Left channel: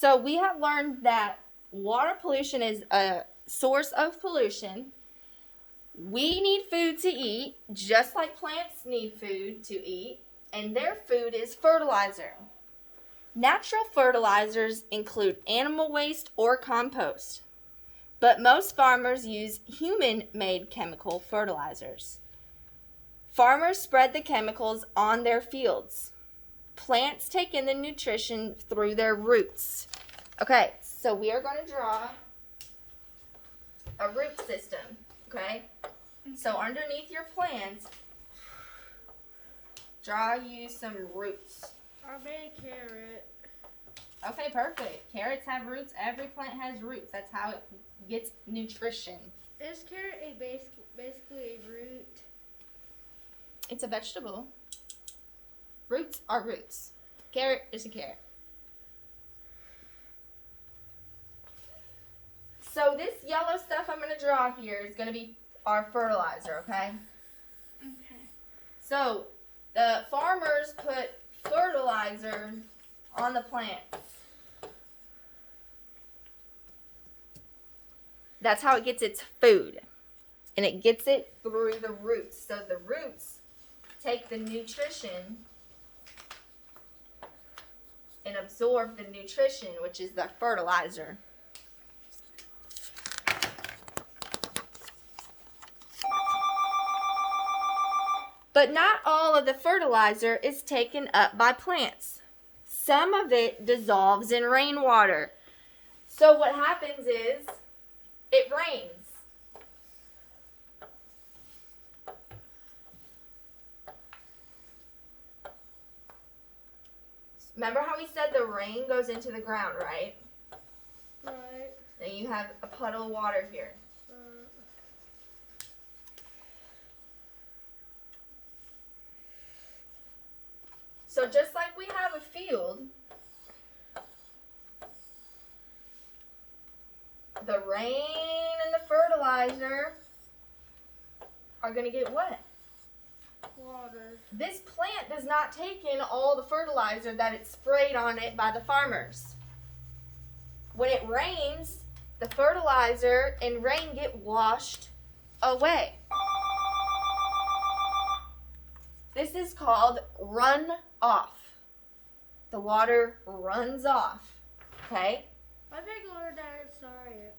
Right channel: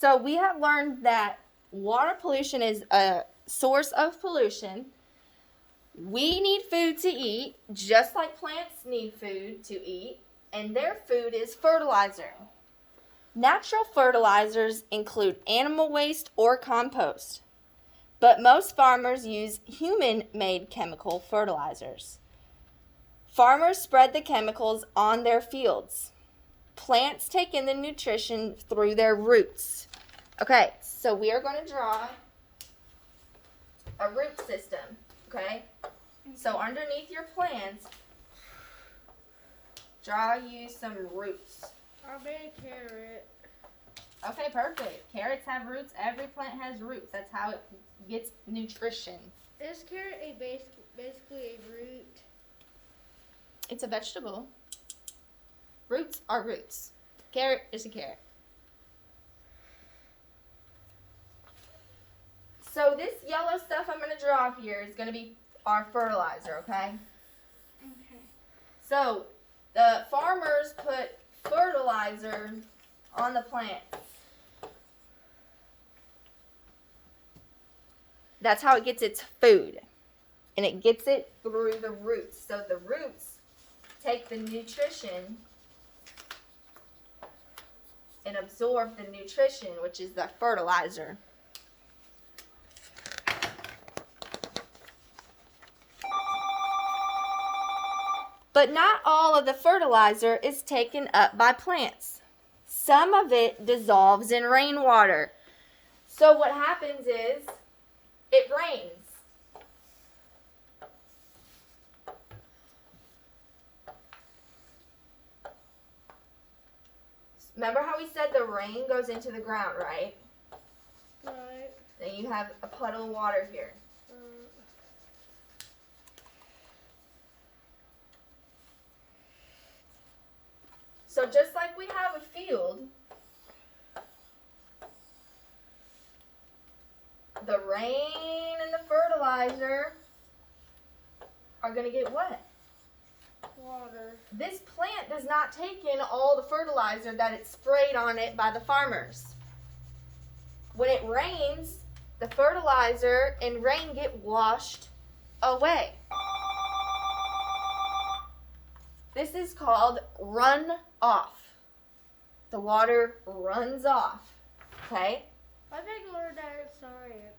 So we have learned that water pollution is a source of pollution. We need food to eat, just like plants need food to eat, and their food is fertilizer. Natural fertilizers include animal waste or compost, but most farmers use human-made chemical fertilizers. Farmers spread the chemicals on their fields. Plants take in the nutrition through their roots. Okay, so we are going to draw a root system, okay? So underneath your plants, draw you some roots. I made a carrot. Okay, perfect. Carrots have roots. Every plant has roots. That's how it gets nutrition. Is carrot basically a root? It's a vegetable. Roots are roots. Carrot is a carrot. So this yellow stuff I'm going to draw here is going to be our fertilizer, okay? Okay. So the farmers put fertilizer on the plant. That's how it gets its food. And it gets it through the roots. So the roots take the nutrition and absorb the nutrition, which is the fertilizer. But not all of the fertilizer is taken up by plants. Some of it dissolves in rainwater. So what happens is it rains. Remember how we said the rain goes into the ground, right? Right. And you have a puddle of water here. So just like we have a field, the rain and the fertilizer are going to get wet. Water. This plant does not take in all the fertilizer that it's sprayed on it by the farmers. When it rains, the fertilizer and rain get washed away. This is called runoff. The water runs off. Okay? I think I learned that in science.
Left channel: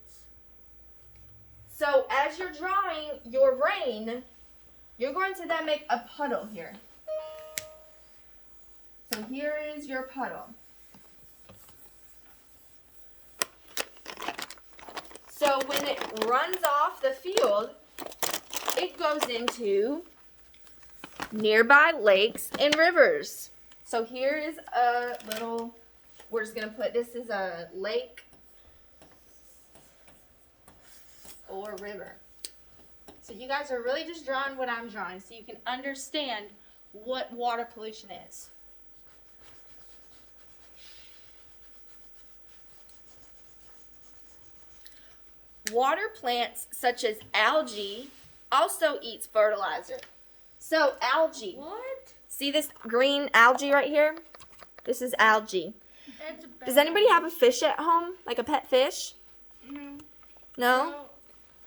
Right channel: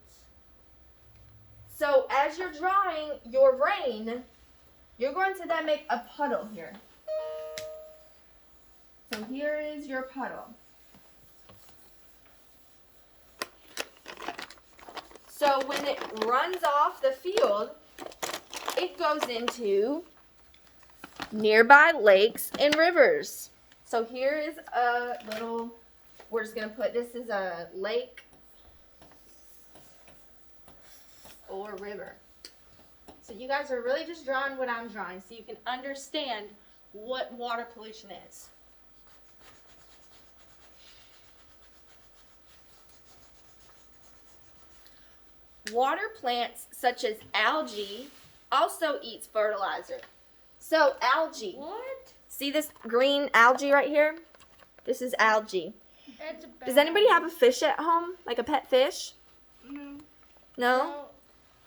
So as you're drawing your rain, you're going to then make a puddle here. So here is your puddle. So when it runs off the field, it goes into nearby lakes and rivers. So here is a little, we're just going to put, this is a lake or river. So you guys are really just drawing what I'm drawing so you can understand what water pollution is. Water plants such as algae also eats fertilizer. So algae. What? See this green algae right here? This is algae. It's a Does anybody have a fish at home? Like a pet fish? Mm-hmm. No?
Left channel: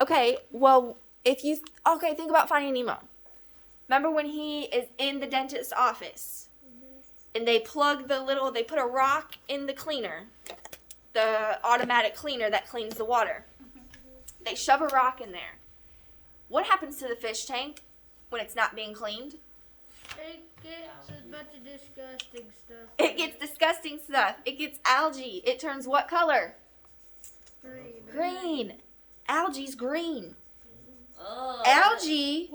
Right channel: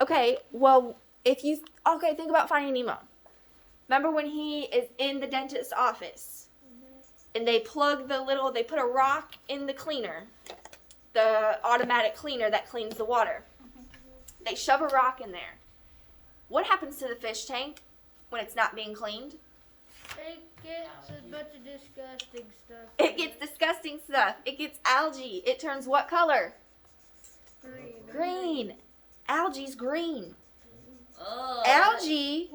Okay, well, think about Finding Nemo. Remember when he is in the dentist's office? Mm-hmm. And they put a rock in the cleaner. The automatic cleaner that cleans the water. Mm-hmm. They shove a rock in there. What happens to the fish tank when it's not being cleaned? It gets a bunch of disgusting stuff. It gets disgusting stuff. It gets algae. It turns what color? Green. Green. Algae's green. Oh. Algae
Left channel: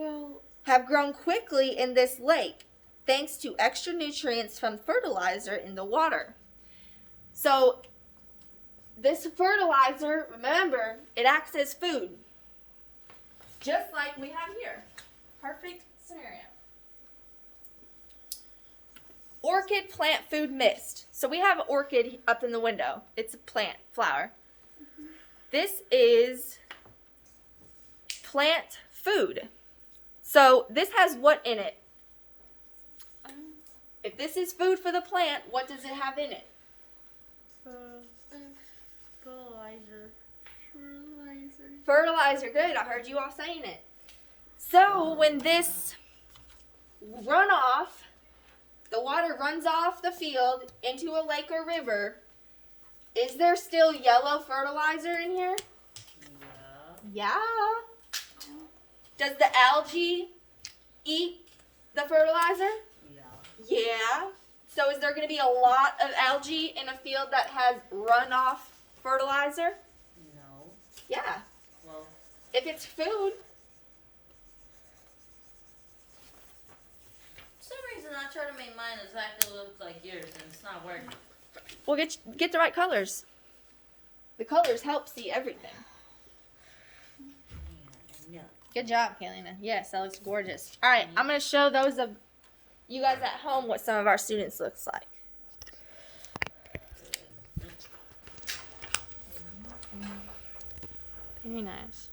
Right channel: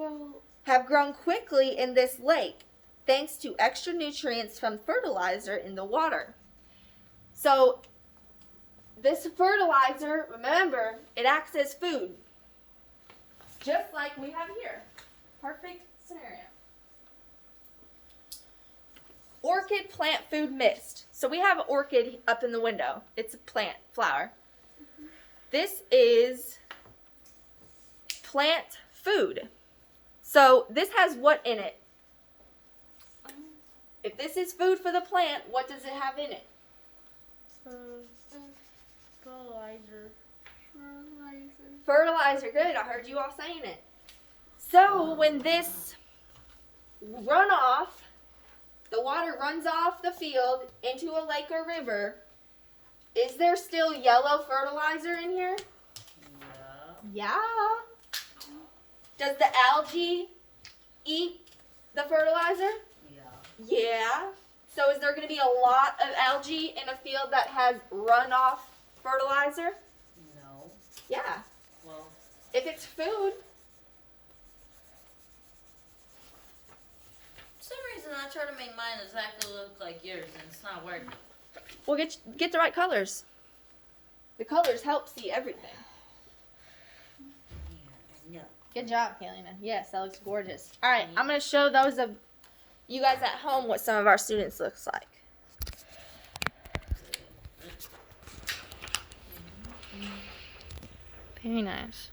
have grown quickly in this lake thanks to extra nutrients from fertilizer in the water. So this fertilizer, remember, it acts as food. Just like we have here. Perfect scenario. Orchid plant food mist. So we have an orchid up in the window. It's a plant, flower. This is plant food. So this has what in it? If this is food for the plant, what does it have in it? Fertilizer, good. I heard you all saying it. So when this runoff, the water runs off the field into a lake or river, is there still yellow fertilizer in here? Yeah. Does the algae eat the fertilizer? Yeah. So is there going to be a lot of algae in a field that has runoff fertilizer? No. Yeah. Well, If it's food. for some reason I try to make mine exactly look like yours and it's not working. Well, get the right colors. The colors help see everything. Yeah. Good job, Kaylina. Yes, that looks gorgeous. All right, I'm going to show those of you guys at home what some of our students looks like. Very nice.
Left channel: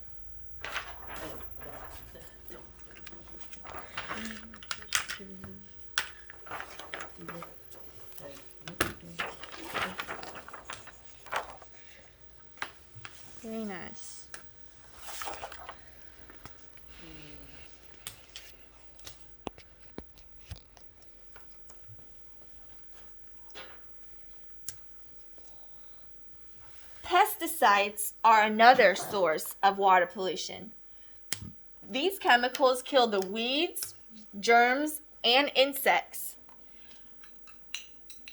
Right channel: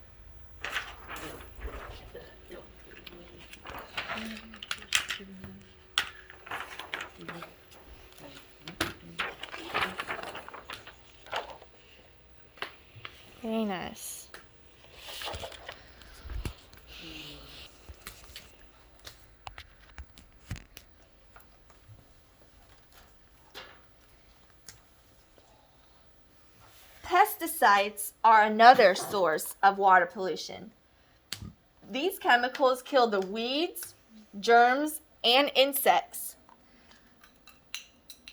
Very nice. Pesticides are another source of water pollution. These chemicals kill the weeds, germs, and insects.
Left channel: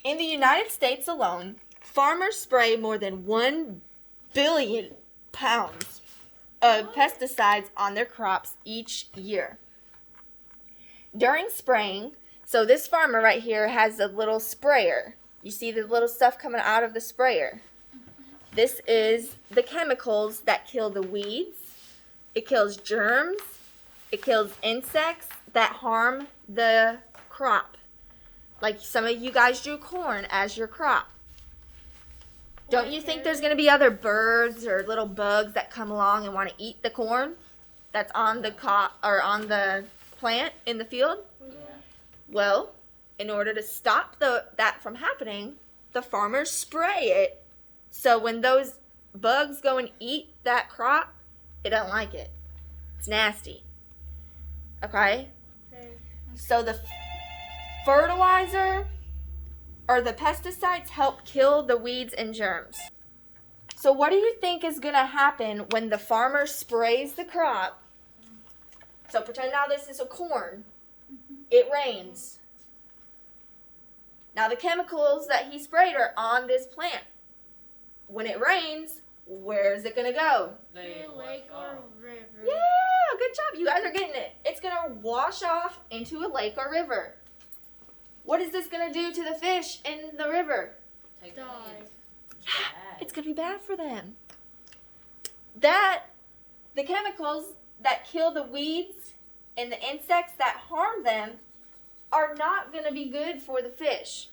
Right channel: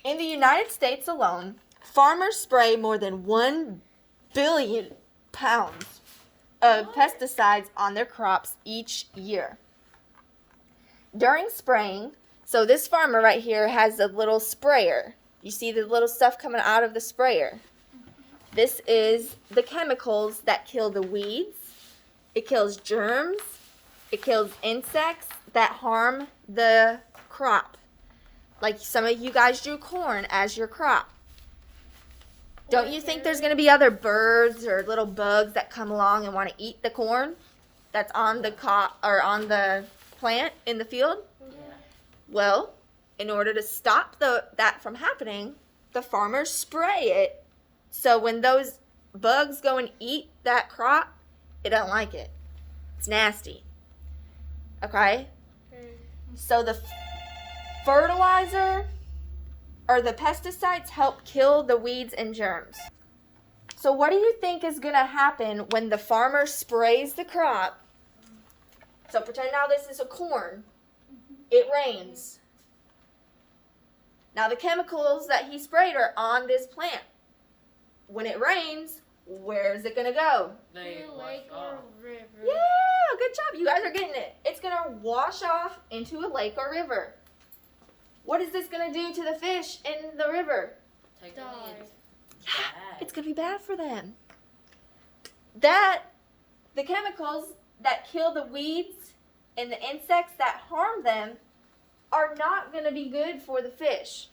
In the United States alone, farmers spray more than 1 billion pounds of pesticides on their crops each year. During spraying, so this farmer right here has a little sprayer. You see the little stuff coming out of the sprayer. This is the chemicals that kill the weeds. It kills germs. It kills insects that harm the crop. Like some of you guys do corn as your crop. Don't you think there's going to be other birds or little bugs that come along and want to eat the corn that's on the on the plant in the field? Yeah. Well, in order to stop that from happening, the farmers spray it. So when those bugs go and eat that crop, it don't like it. It's nasty. Okay? So the fertilizer or the pesticides help kill the weeds and germs. So what do you think is going to happen when the farmer sprays the crop? So pretend now this is a corn. It rains. Now the chemicals that he sprayed are on this plant. When it rains, where's it going to go? They Lake or river. Yeah, good job. You guys are getting it. It's going to wash off into a lake or river. What is this going to do to the fish in the river? Take Die. It's going to be bad for them. The chemicals that kill the weeds and the insects that harm them are not going to be good for the fish.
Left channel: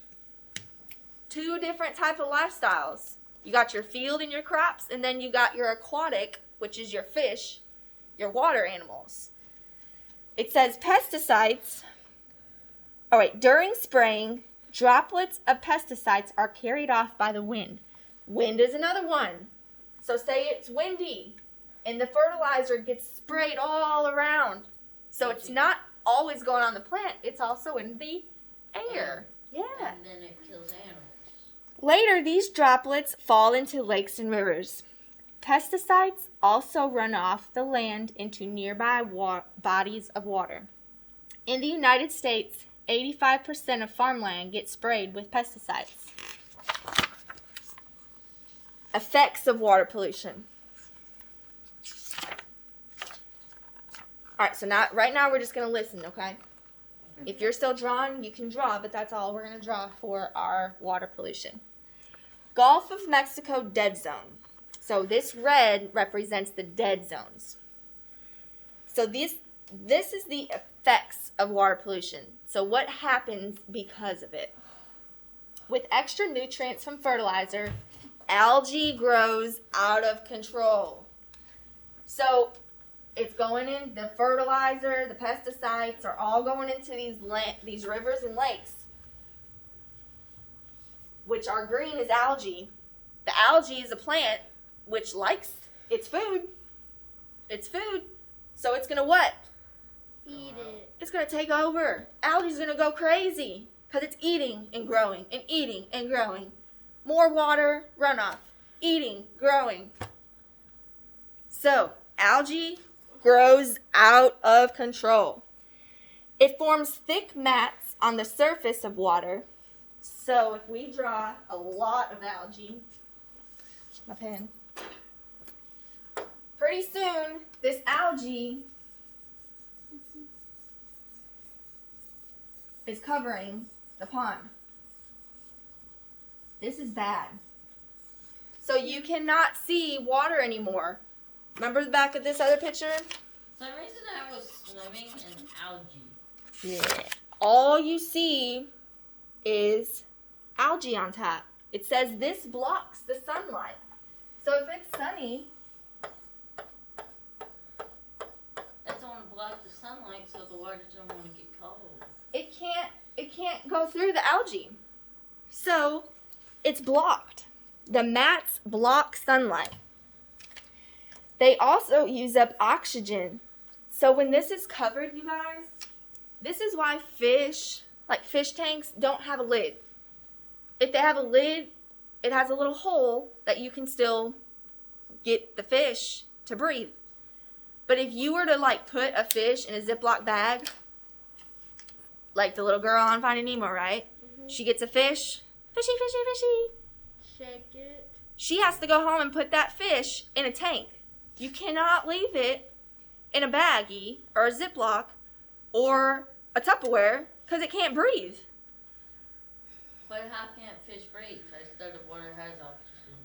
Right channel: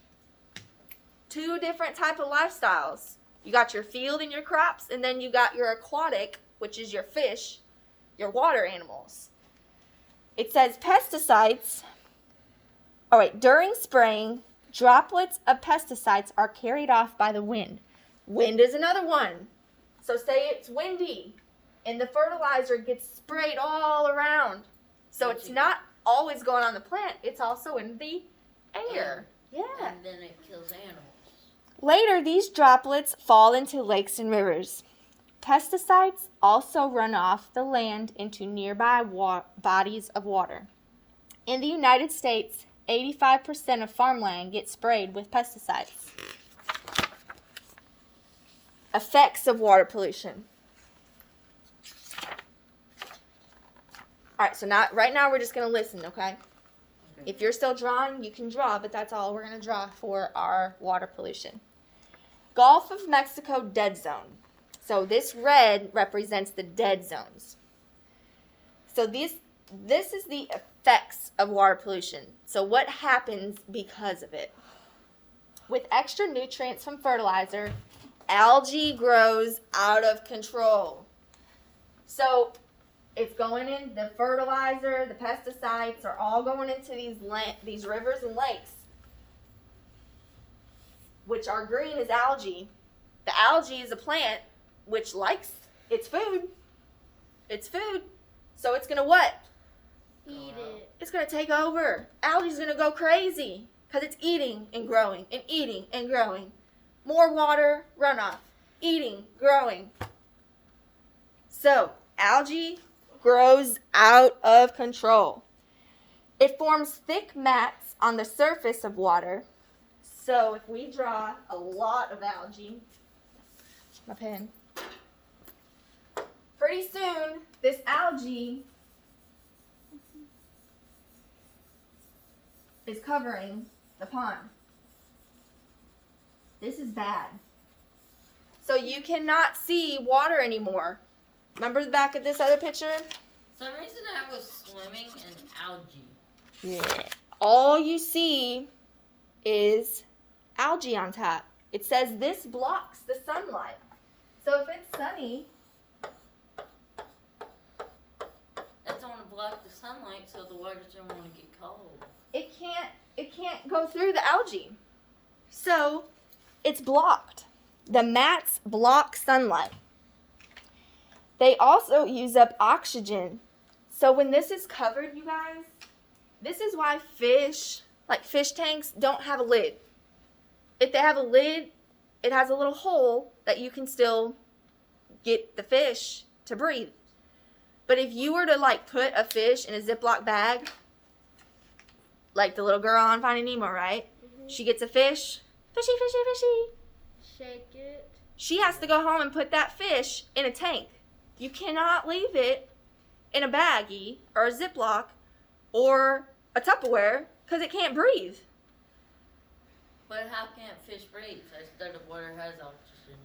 Two different type of lifestyles. You got your field and your crops, and then you got your aquatic, which is your fish, your water animals. It says pesticides. All right, during spraying, droplets of pesticides are carried off by the wind. Wind is another one. So say it's windy, and the fertilizer gets sprayed all around. So it's not always going on the plant, it's also in the air. Yeah. And then it kills animals. Later, these droplets fall into lakes and rivers. Pesticides also run off the land into nearby bodies of water. In the United States, 85% of farmland gets sprayed with pesticides. Effects of water pollution. All right, so right now we're just going to listen, okay? If you're still drawing, you can draw, but that's all we're going to draw for our water pollution. Gulf of Mexico dead zone. So this red represents the dead zones. So this is the effects of water pollution. So what happens because of it? With extra nutrients from fertilizer, algae grows out of control. So it's going in, the fertilizer, the pesticides are all going into these rivers and lakes, which are green as algae. The algae is a plant which likes its food. It's food. So it's going to what? Eat it. It's going to take over. Algae's going to go crazy because it's eating and growing and eating and growing. More water runoff. Eating, growing. So algae grows out of control. It forms thick mats on the surface of water. So if we draw a lot of algae, my pen, pretty soon this algae is covering the pond. This is bad. So you cannot see water anymore. Remember the back of this other picture? For some reason I was swimming in algae. Yeah. All you see is algae on top. It says this blocks the sunlight. So if it's sunny, That's want to block the sunlight so the water doesn't want to get cold. it can't go through the algae. So it's blocked. The mats block sunlight. They also use up oxygen. So when this is covered, you guys, this is why fish, like fish tanks, don't have a lid. If they have a lid, it has a little hole that you can still get the fish to breathe. But if you were to like put a fish in a Ziploc bag, like the little girl on Finding Nemo, right? She gets a fish, fishy, fishy, fishy. Shake it. She has to go home and put that fish in a tank. You cannot leave it in a baggie or a Ziploc or a Tupperware because it can't breathe. But how can't fish breathe? I thought the water has oxygen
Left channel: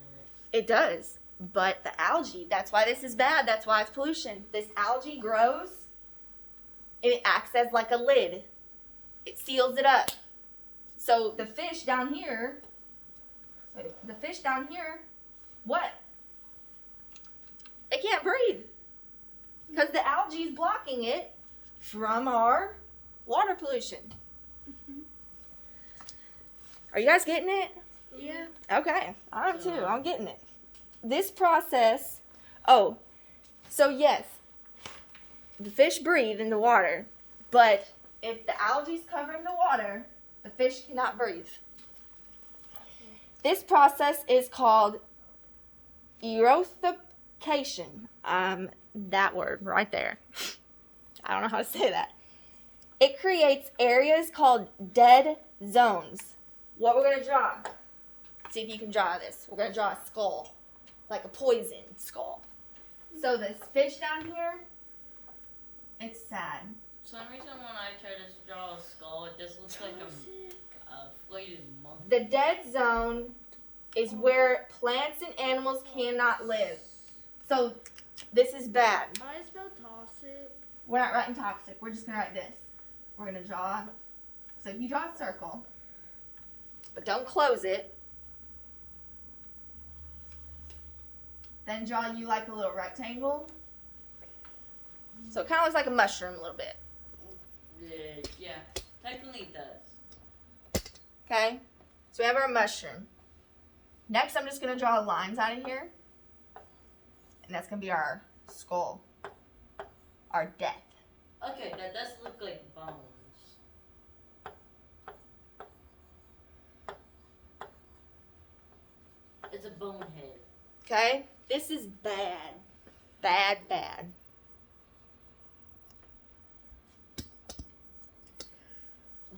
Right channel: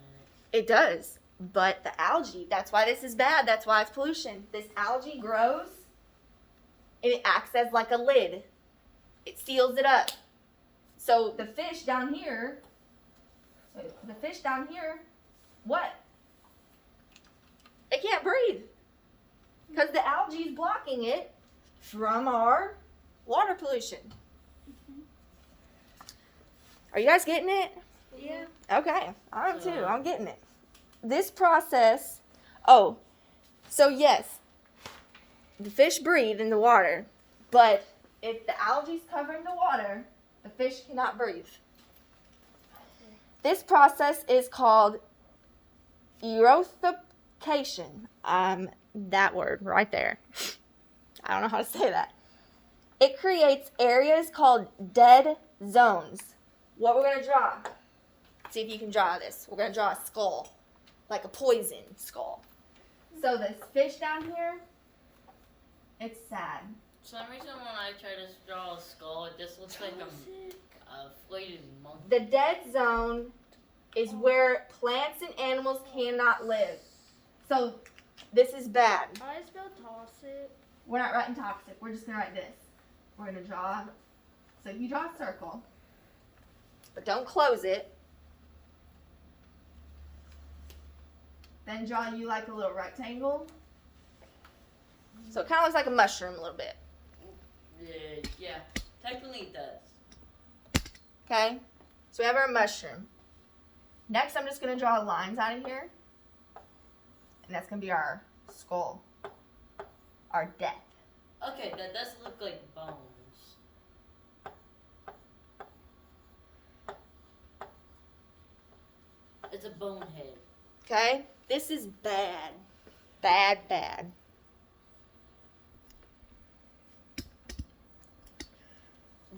in it. It does. But the algae, that's why this is bad. That's why it's pollution. This algae grows and it acts as like a lid. It seals it up. So the fish down here, what? It can't breathe because the algae is blocking it from our water pollution. Are you guys getting it? Yeah. Okay, I am too. I'm getting it. This process, so yes, the fish breathe in the water, but if the algae is covering the water, the fish cannot breathe. This process is called eutrophication. That word right there. I don't know how to say that. It creates areas called dead zones. What we're going to draw. See if you can draw this. We're going to draw a skull. Like a poison skull. So this fish down here, it's sad. For some reason when I try to draw a skull, it just looks like a flayed monkey. The dead zone is where plants and animals cannot live. So this is bad. I spelled toxic. We're not writing toxic. We're just going to write this. We're going to draw. So you draw a circle. But don't close it. Then draw you like a little rectangle. So it kind of looks like a mushroom a little bit. Yeah, technically it does. Okay? So we have our mushroom. Next, I'm just going to draw lines out of here. And that's going to be our skull. Our death. Okay, that does look like bones. It's a bonehead. Okay? This is bad. Bad, bad.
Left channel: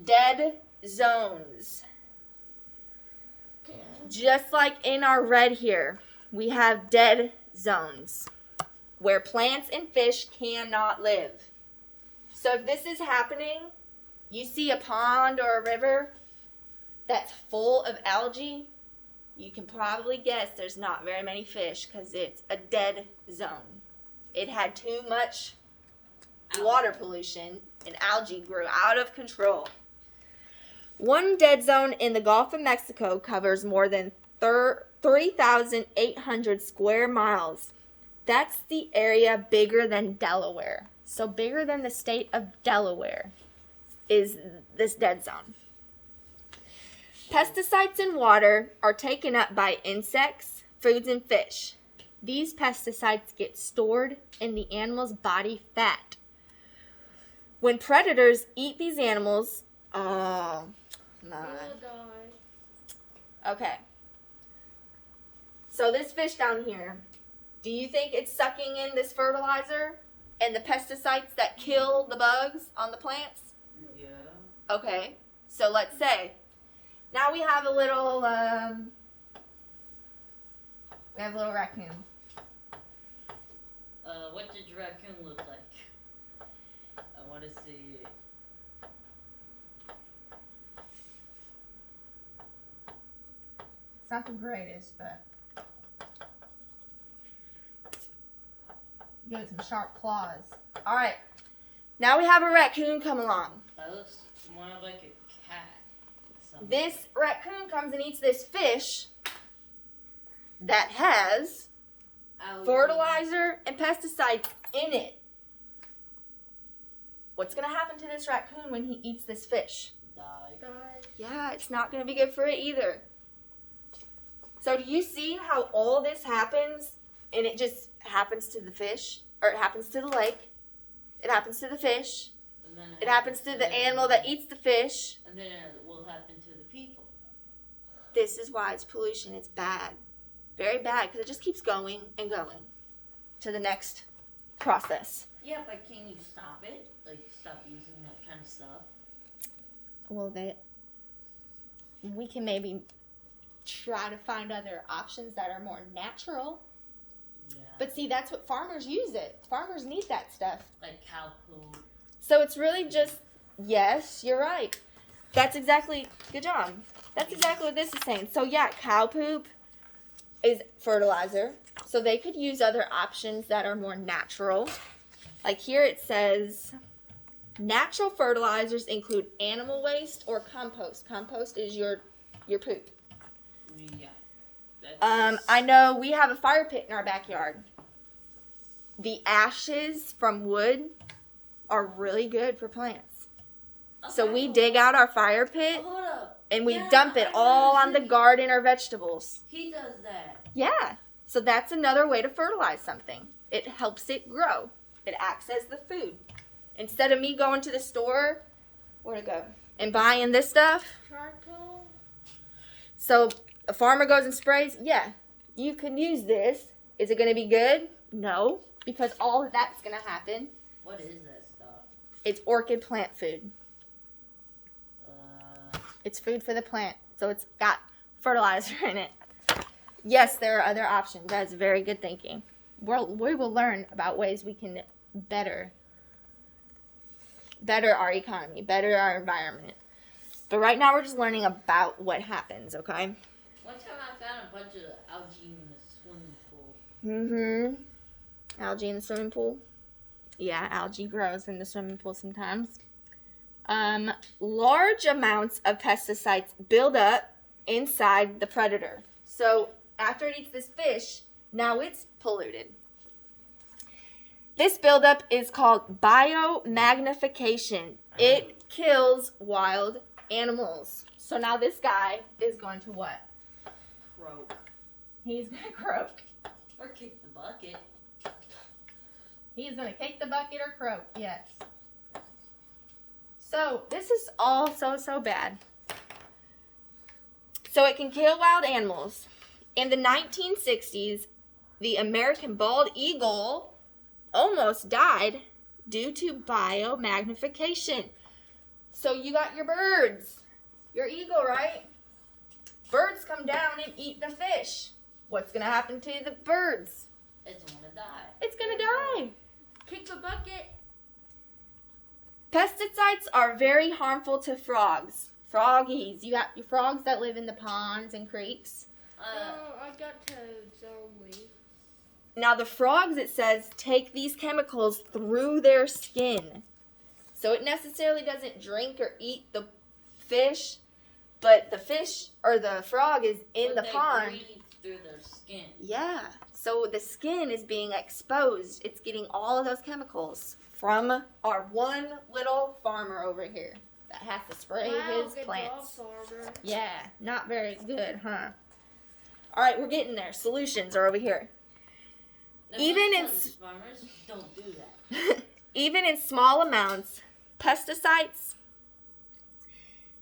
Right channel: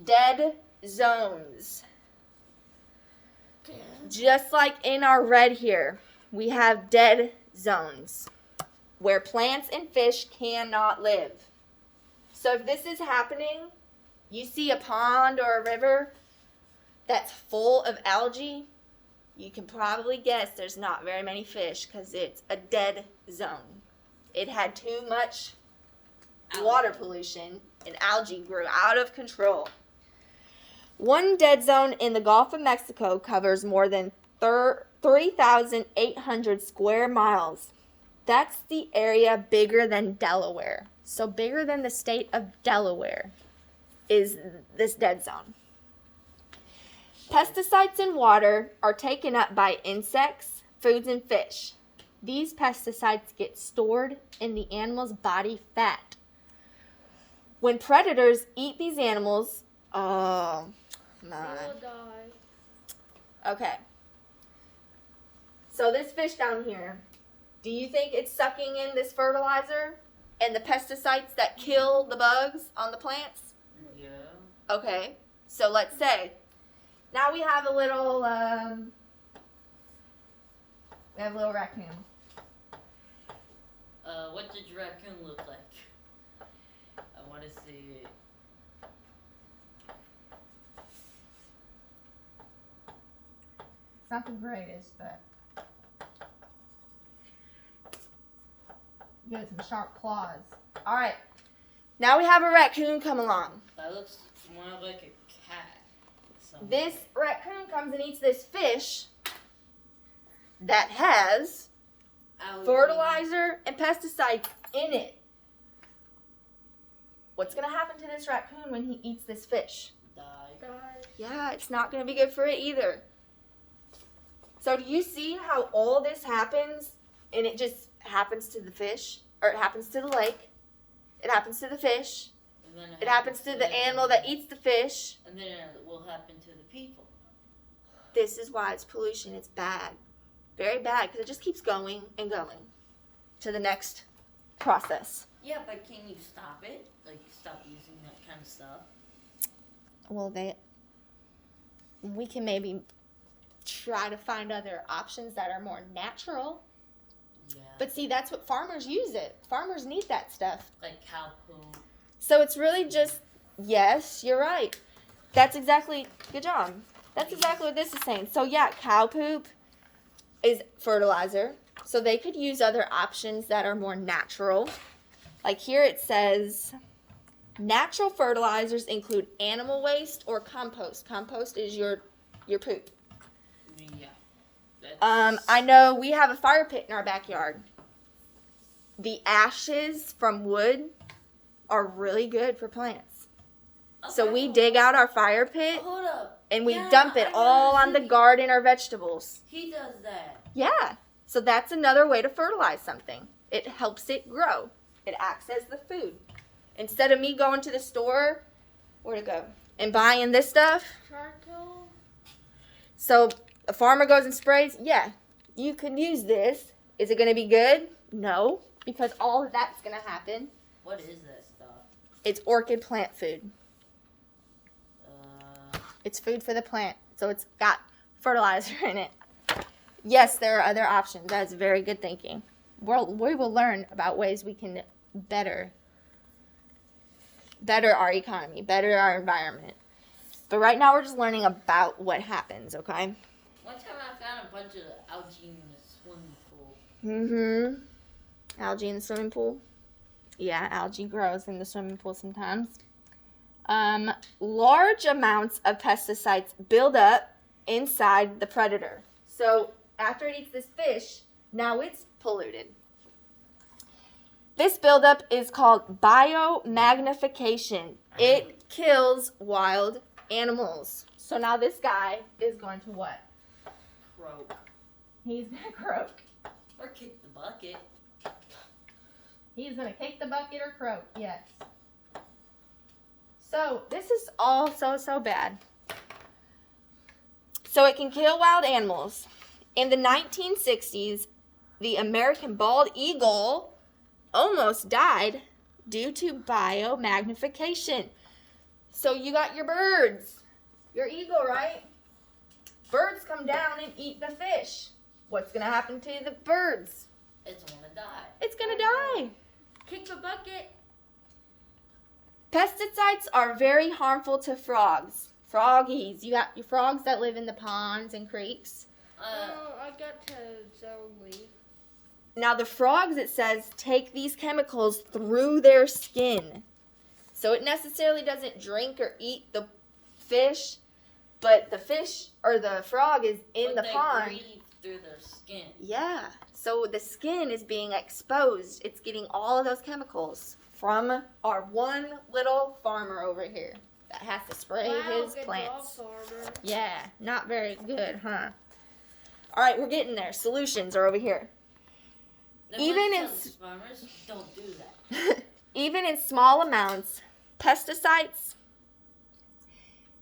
Dead zones. Just like in our red here, we have dead zones where plants and fish cannot live. So if this is happening, you see a pond or a river that's full of algae, you can probably guess there's not very many fish because it's a dead zone. It had too much water pollution and algae grew out of control. One dead zone in the Gulf of Mexico covers more than 3,800 square miles. That's the area bigger than Delaware. So bigger than the state of Delaware is this dead zone. Pesticides in water are taken up by insects, foods, and fish. these pesticides get stored in the animal's body fat. When predators eat these animals, oh They my. will die. Okay. So this fish down here, do you think it's sucking in this fertilizer and the pesticides that kill the bugs on the plants? Yeah. Okay. So let's say now we have a little raccoon. What did your raccoon look like? I want to see it. It's not the greatest, but you got some sharp claws. All right. Now we have a raccoon come along. That looks more like a cat. Something. This raccoon comes and eats this fish that has Algae. fertilizer and pesticides in it. What's going to happen to this raccoon when he eats this fish? Die. Die. Yeah, it's not going to be good for it either. So do you see how all this happens and it just happens to the fish? Or it happens to the lake. It happens to the fish. And then It happens to the animal that eats the fish. And then it will happen to the people. This is why it's pollution. It's bad. Very bad because it just keeps going and going to the next process. Yeah, but can you stop it? Like, stop using that kind of stuff? Well, we can maybe try to find other options that are more natural. Yeah. But see, that's what farmers use it. Farmers need that stuff. Like cow poo. So it's really just, yes, you're right. That's exactly, good job. That's exactly what this is saying. So yeah, cow poop is fertilizer. So they could use other options that are more natural. Like here it says, natural fertilizers include animal waste or compost. Compost is your poop. Yeah. That's, I know we have a fire pit in our backyard. The ashes from wood are really good for plants. So we dig out our fire pit Hold up. and we Yeah, dump it I all on the see. garden or vegetables. He does that. Yeah. So that's another way to fertilize something. It helps it grow. It acts as the food. Instead of me going to the store, where'd it go? And buying this stuff. Charcoal. So a farmer goes and sprays. Yeah, you could use this. Is it going to be good? No, because all of that's going to happen. What is that stuff? It's orchid plant food. Uh, It's food for the plant. So it's got fertilizer in it. Yes, there are other options. That's very good thinking. We will learn about ways we can better our economy, better our environment. But right now we're just learning about what happens, okay? one time I found a bunch of algae in the swimming pool. Mm-hmm. Algae in the swimming pool. Yeah, algae grows in the swimming pool sometimes. Large amounts of pesticides build up inside the predator. So after it eats this fish, now it's polluted. This buildup is called biomagnification. It kills wild animals. So now this guy is going to what? Croak. He's going to croak. Or kick the bucket. He's going to kick the bucket or croak, yes. So this is all so bad. So it can kill wild animals. In the 1960s, the American bald eagle almost died due to biomagnification. So you got your birds, your eagle, right? Birds come down and eat the fish. What's going to happen to the birds? It's gonna die. It's going to die. Kick the bucket. Pesticides are very harmful to frogs. Froggies. You got your frogs that live in the ponds and creeks. Oh, I got toads only. Now the frogs, it says, take these chemicals through their skin. So it necessarily doesn't drink or eat the fish, but the fish or the frog is in But the they pond. breathe through their skin. Yeah. So the skin is being exposed. It's getting all of those chemicals from our one little farmer over here that has to spray his good plants. job, farmer. Yeah, not very good, huh? All right, we're getting there. Solutions are over here. Even in farmers, don't do that. even in small amounts, pesticides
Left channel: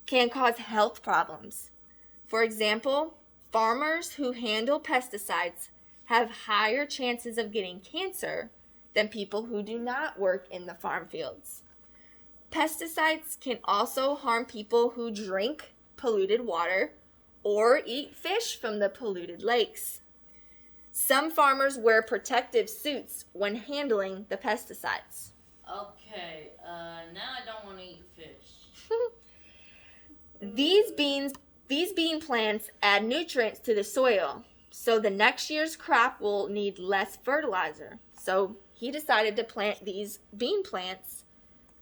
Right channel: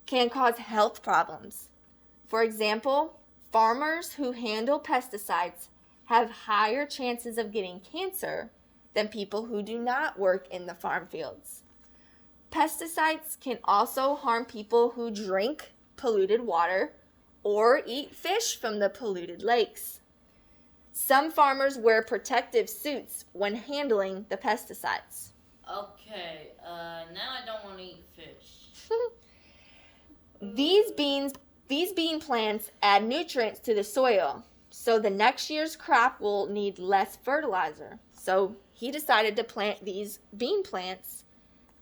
can cause health problems. For example, farmers who handle pesticides have higher chances of getting cancer than people who do not work in the farm fields. Pesticides can also harm people who drink polluted water or eat fish from the polluted lakes. Some farmers wear protective suits when handling the pesticides. Okay, now I don't want to eat fish. These bean plants add nutrients to the soil, so the next year's crop will need less fertilizer. So he decided to plant these bean plants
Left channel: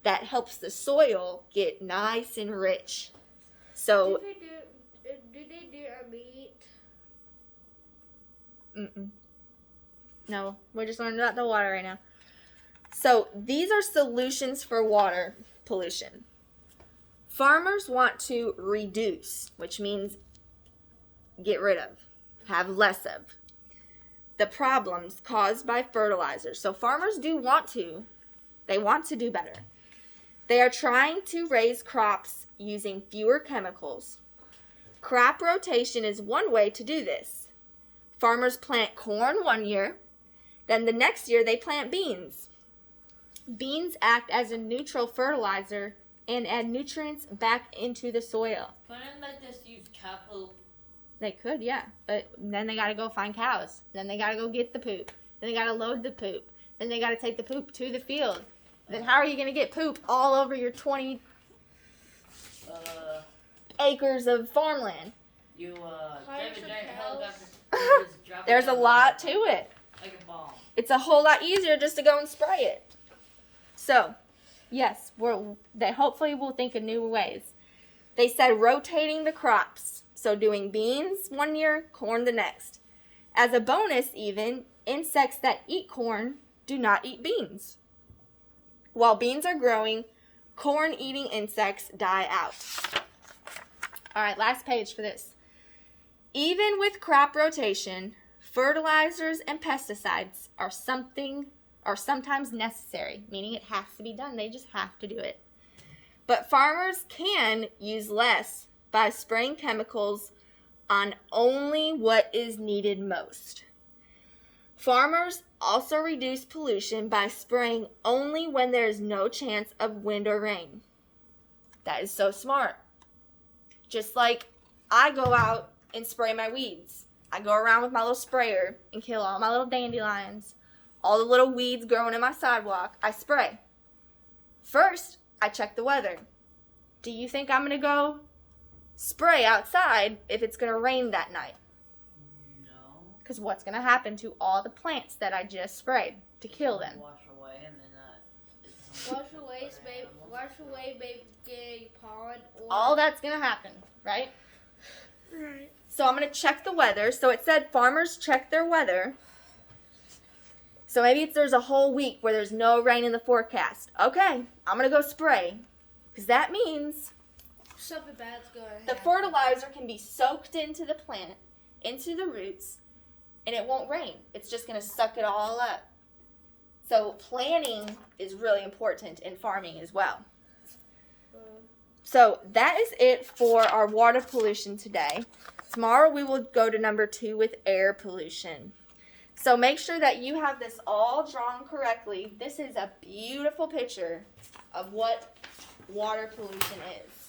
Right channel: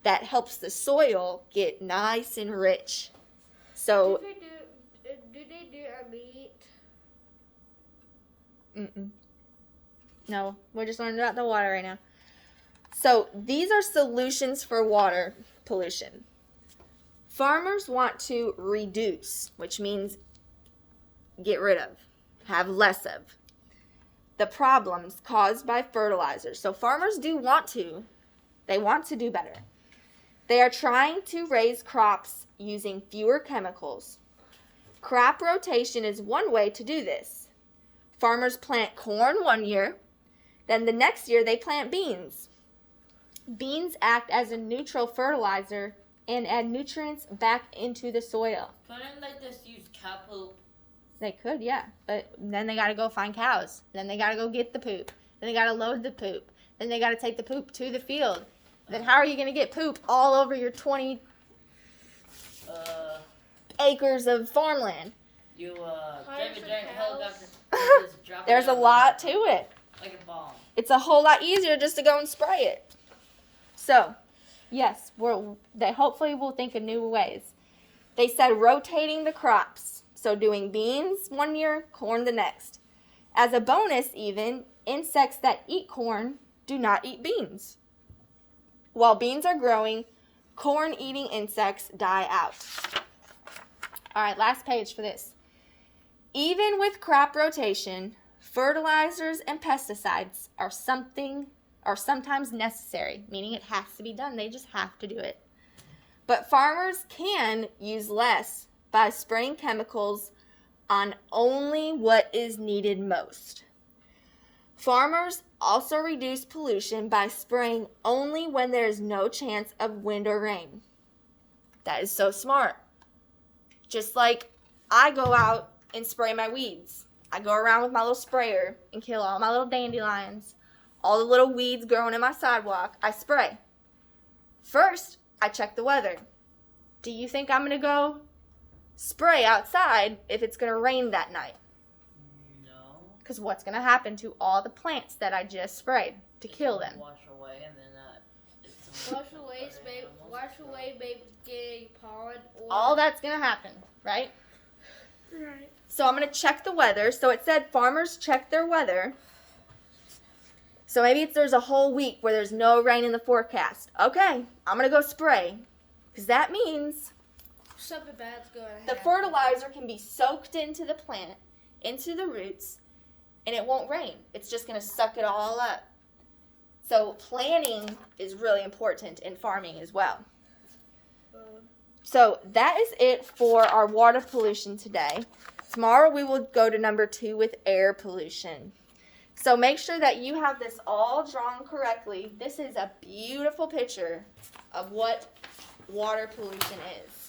that helps the soil get nice and rich. So Do they do a meat? No, we're just learning about the water right now. So these are solutions for water pollution. Farmers want to reduce, which means get rid of, have less of, the problems caused by fertilizers. So farmers they want to do better. They are trying to raise crops using fewer chemicals. Crop rotation is one way to do this. Farmers plant corn one year, then the next year they plant beans. Beans act as a neutral fertilizer and add nutrients back into the soil. Couldn't they just use cow poop? They could, yeah, but then they gotta go find cows. Then they gotta go get the poop. Then they gotta load the poop. Then they gotta take the poop to the field. Then how are you gonna get poop all over your 20 acres of farmland? David Hire some Hill got cows. to drop There's it a on lot the- to it. Like a bomb. It's a whole lot easier just to go and spray it. So, yes, they hopefully will think of new ways. They said rotating the crops. So doing beans one year, corn the next. As a bonus even, insects that eat corn do not eat beans. While beans are growing, corn-eating insects die out. All right, last page for this. Even with crop rotation, fertilizers and pesticides are sometimes necessary, meaning it has to be done. They just have to do it. But farmers can use less by spraying chemicals on only what is needed most. Farmers also reduce pollution by spraying only when there is no chance of wind or rain. That is so smart. Just like I go out and spray my weeds. I go around with my little sprayer and kill all my little dandelions, all the little weeds growing in my sidewalk. I spray. First, I check the weather. Do you think I'm going to go spray outside if it's going to rain that night? No. Because what's going to happen to all the plants that I just sprayed to kill them? Wash away and then Wash away, maybe getting pollen or All that's going to happen, right? Right. So I'm going to check the weather. So it said farmers check their weather. So maybe there's a whole week where there's no rain in the forecast. Okay, I'm going to go spray. Because that means Something bad's going to happen. the fertilizer can be soaked into the plant, into the roots, and it won't rain. It's just going to suck it all up. So planning is really important in farming as well. So that is it for our water pollution today. Tomorrow we will go to number 2 with air pollution. So make sure that you have this all drawn correctly. This is a beautiful picture of what water pollution is.